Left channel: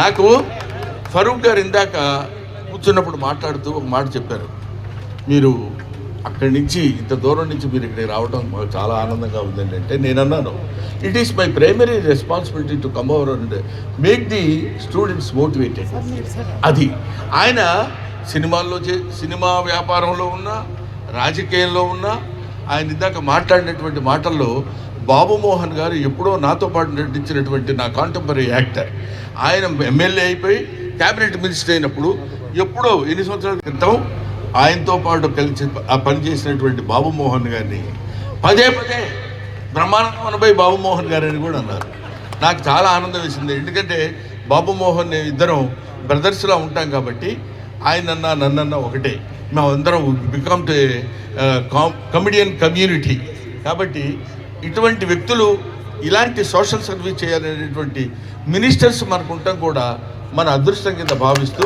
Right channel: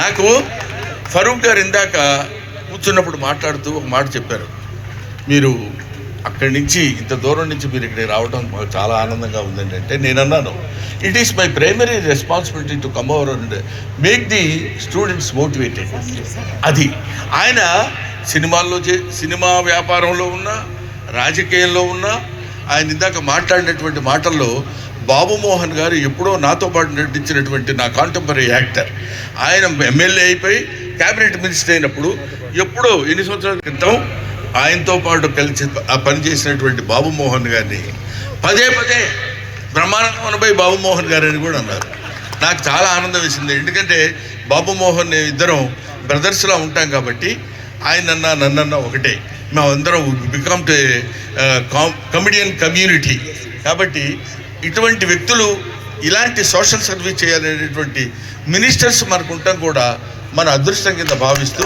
నాకు ఫరూక్ గారు ఇందాక కూర్చున్నప్పుడు మాట్లాడుతూ ఒక మాట చెప్పారు, మీరు అక్కడి నుంచి ఇంత దూరం నుంచి మీరు ఇక్కడికి రావడం మాకు చాలా ఆనందంగా ఉందండి. అంటే నేను అన్నాను, it is my primary responsibility to come over and make the students motivated. అది ఆయన సినిమా వ్యాపారంలో ఉన్నా, రాజకీయంలో ఉన్నా, ఆయన ఇందాక మాట్లాడినటువంటి మాటల్లో బాబు మోహన్ గారు ఎప్పుడో నాతో పాటు నటించినటువంటి నా కాంటెంపరీ యాక్టర్, ఆయన ఎమ్మెల్యే అయిపోయి క్యాబినెట్ మినిస్టర్ అయినప్పుడు ఎప్పుడో ఎన్ని సంవత్సరాల క్రితం ఆయనతో పాటు కలిసి పనిచేసినటువంటి బాబు మోహన్ గారిని పదే బ్రహ్మానందమనపై బాబు మోహన్ గారు అని కూడా అన్నారు. నాకు చాలా ఆనందం వేసింది. ఎందుకంటే బాబు మోహన్ ఇద్దరం బ్రదర్స్లా ఉంటాం కాబట్టి ఆయనన్నా నన్నన్నా ఒకటే, మేమందరం బికమ్ కమిడియన్ కమ్యూనిటీ. కాబట్టి ఇటువంటి వ్యక్తులు ఇలాంటి సోషల్ సర్వీస్ చేయాలనేటువంటి మినిస్టర్స్ మనకు ఉండటం కూడా మన అదృష్టం కింద భావిస్తూ